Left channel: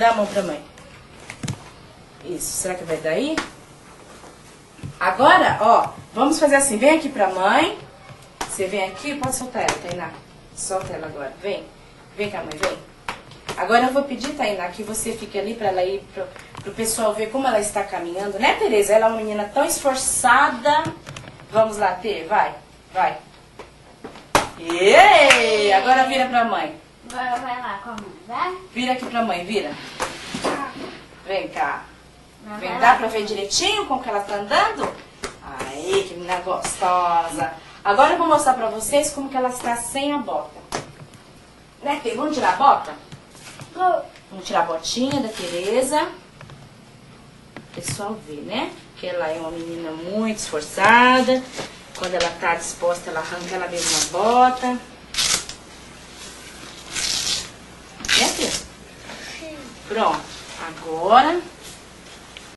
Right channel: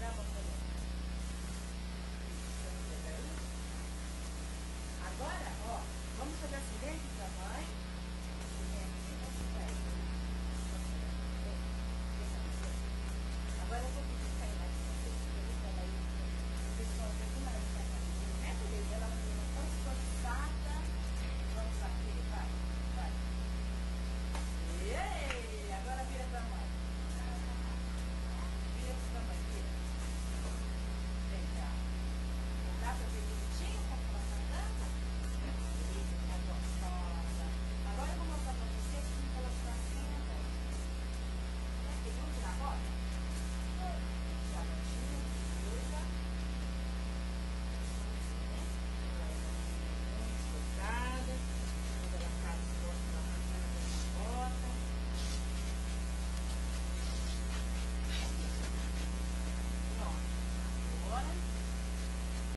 Dá a mão pra mãe. Isso, será que vai dar aí? Agora, ó, vamos fazer assim. Vem aqui pra mãe. Você vem aqui, pode soltar ela, Tainá. Solta ela agora, vem. Vem cá, mãe, vem. Agora eu vou pedir, Tainá, que você fique ali pra ela ir pro pessoal ver como ela está caminhando. Né, Tereza? Ela é uma menina tão esforçada. Vamos lá, Tê, vai, vai. Ei! Agora vira pra mãe. Agora vai lá com a mãe, vai? Vira aqui pra mãe, vira. Vem cá. Vai Vem, lá. dá pra ver direitinho como que ela tá andando? Aí, que menina gostosa. Agora eu vou mostrar pra vocês como que ela está sem a bota. Né, Tê? Vamos tirar a bota? Vamos tirar a botinha da Tereza. O pessoal ver, né? Que ela é uma menina muito esforçada. Quando ela tá disposta, ela arranca ela mesma a bota. Né, Tê? Pronto. Agora